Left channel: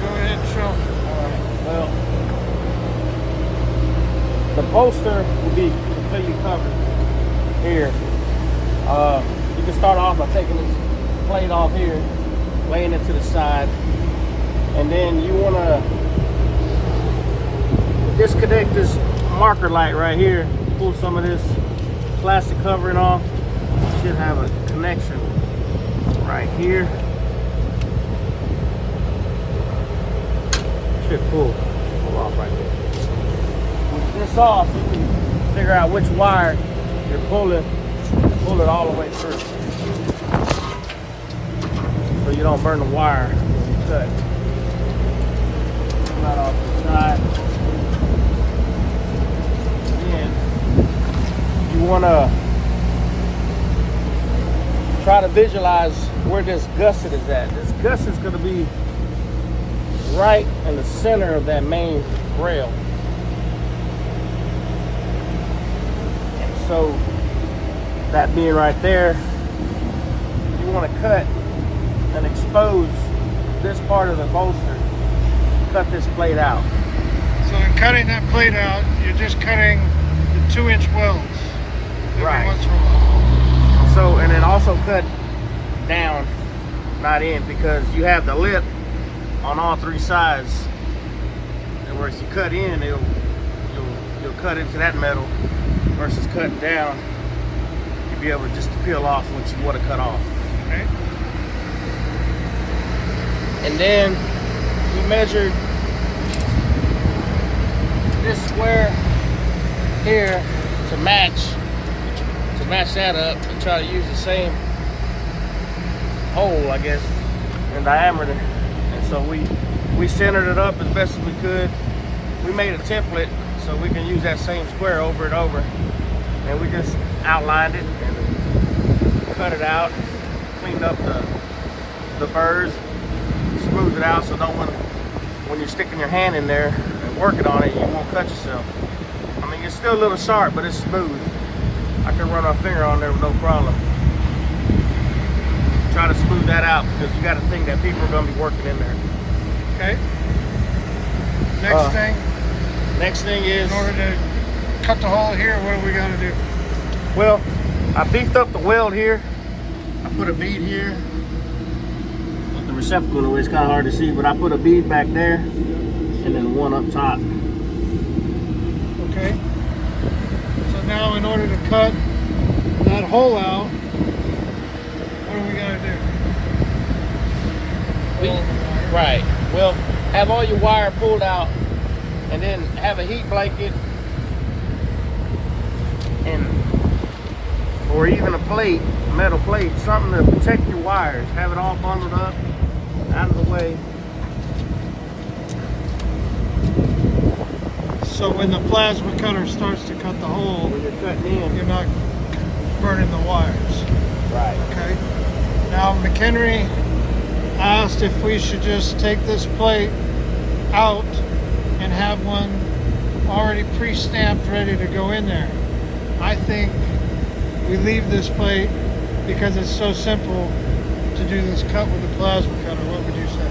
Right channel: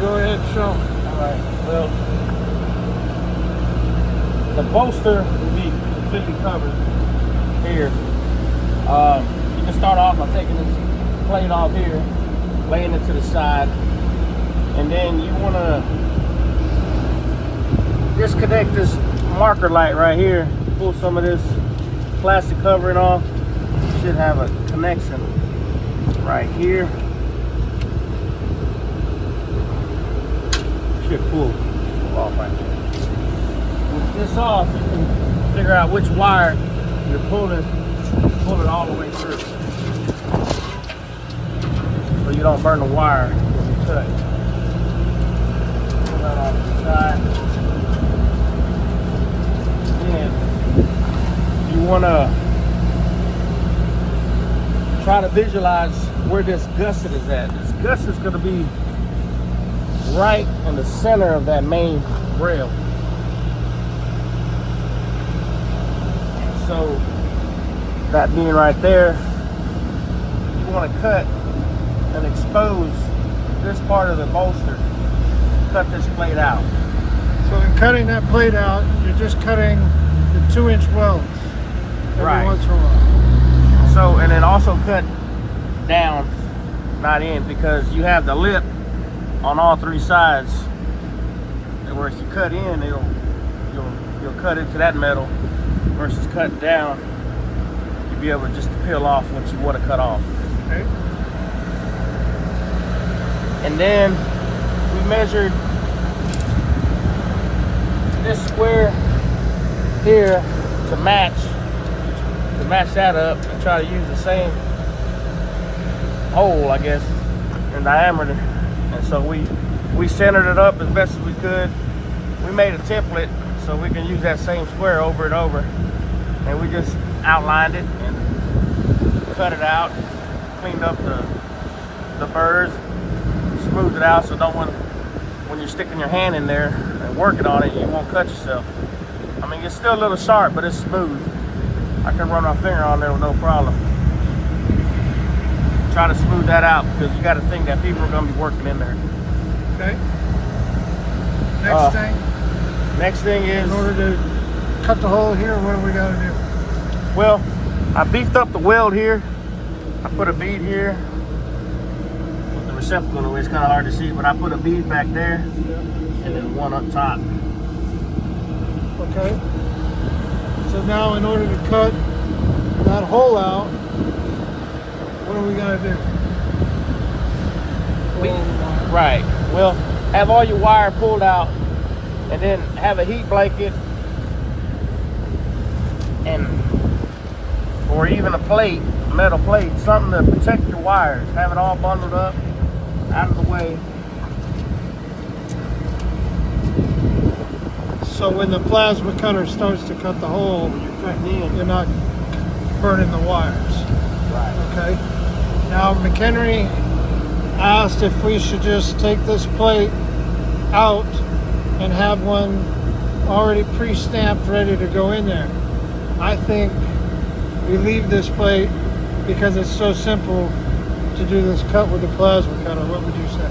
go ahead and show. All right. Well, the bolster will be completely covered here. You can start off by taking this plate off here, laying it to the side, and then you want to disconnect this marker light right here. Pull some of this plastic covering off. You should have a connection right here. Should pull off right there. With this off, you can figure out which wire you're pulling. Pull it all the way through, so you don't burn the wire when you cut. Pull that off the side. Then you want to try to visualize where this gusset is at. This gusset is going to be right in the center of that main rail. And so, that being right there, you want to cut and expose this part of the bolster. Cut this plate out. So in cutting that plate out, you're just cutting the 2-inch welds every once in a while. So, and then also cut down, not in, because you have the lip on all 3 sides. And whereas you cut in, you'll cut into that metal, versus cutting down, you'll be able just to peel off what you want to cut off. Okay. And then we measured this square here to match that up and try to use the same hole, I guess, in diameter. And so we centered it up as best as we could. We made a template so we can use that same square over and over. And we just outlined it and cut it out, cleaned up the burrs, smoothed it out so no one, when you're sticking your hand in there and working on it, you won't cut yourself. I mean, it's still a little sharp, but it's smooth. I can run my finger on there with no problem. Try to smooth that out, because you got to think that people are going to be working in there. Okay. Next thing is, in order to cut the hole here, what do we got to do? Well, I beefed up the weld here. I put a bead here. The receptacle, it's kind of hard to see, but I put a bead back there and then one up top. Okay. So now, in order to cut that hole out, what do we got to do? Right. Well, have all your wire pulled out, and then have a heat blanket, and or even a plate, a metal plate, something to protect your wires. Have it all bundled up, out of the way. So when the plasma cutter starts to cut the hole, you're not burning the wires. Right. Okay. Now McHenry asked if we should just take this plate out and have one already pre-stamped ready to go in there. I think we leave this plate because it's so simple to do this cut with the plasma cutter. What would you say?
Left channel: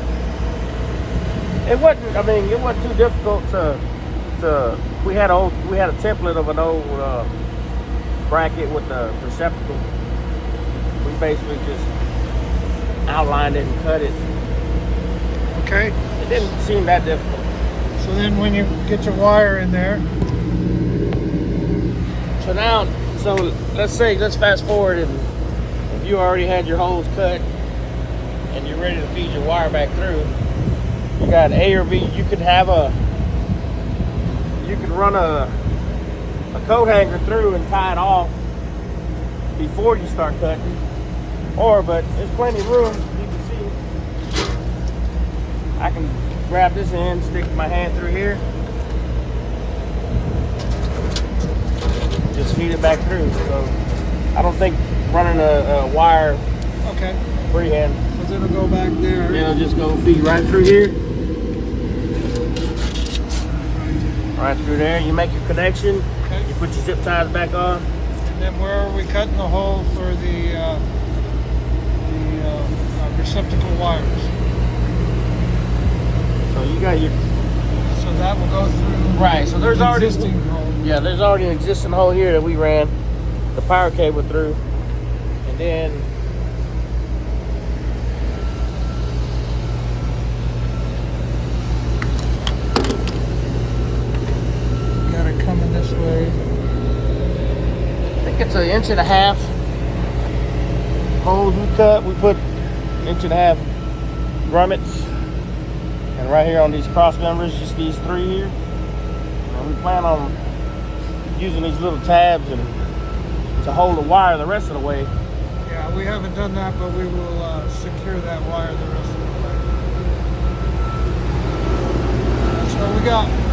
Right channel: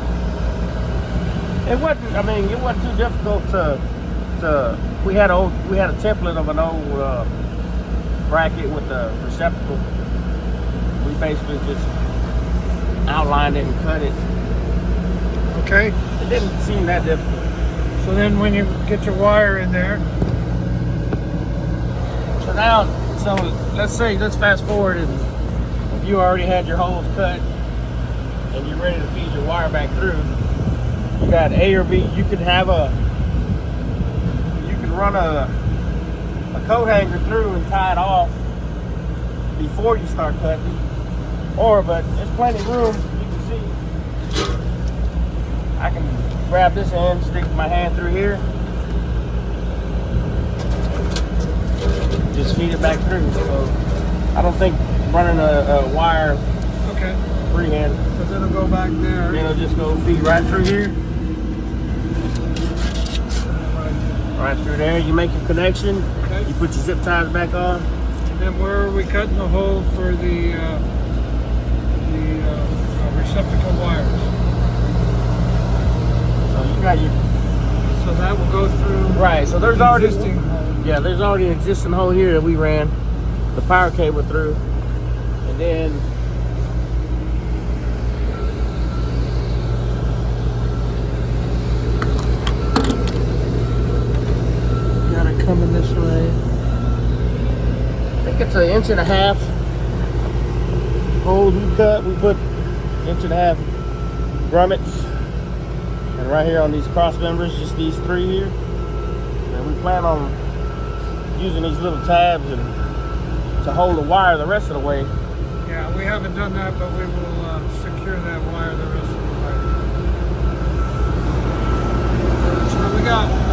It wasn't. I mean, it wasn't too difficult to. We had a template of an old bracket with the receptacle. We basically just outlined it and cut it. Okay. It didn't seem that difficult. So then, when you get your wire in there. So now, let's fast forward, and if you already had your holes cut and you're ready to feed your wire back through, you got an A or B. You can run a coat hanger through and tie it off before you start cutting, but there's plenty of room. You can see I can grab this end, stick my hand through here, just feed it back through. So I don't think running a wire freehand, because it'll go back there. It'll just go feed right through here, right through there. You make your connection. Okay. You put your zip ties back on. And then where are we cutting the hole for the receptacle wires? Right, so there's already existing hole. yeah, there's already an existing hole here that we ran the power cable through, and then Got it coming this way. I think it's 1.5 inch holes we cut. We put 1.5 inch grommets, and right here on these cross members, just these 3 here. And we plan on using these little tabs and to hold the wire the rest of the way. Yeah, we haven't done that, but we will secure that wire the rest of the way. That's what we got.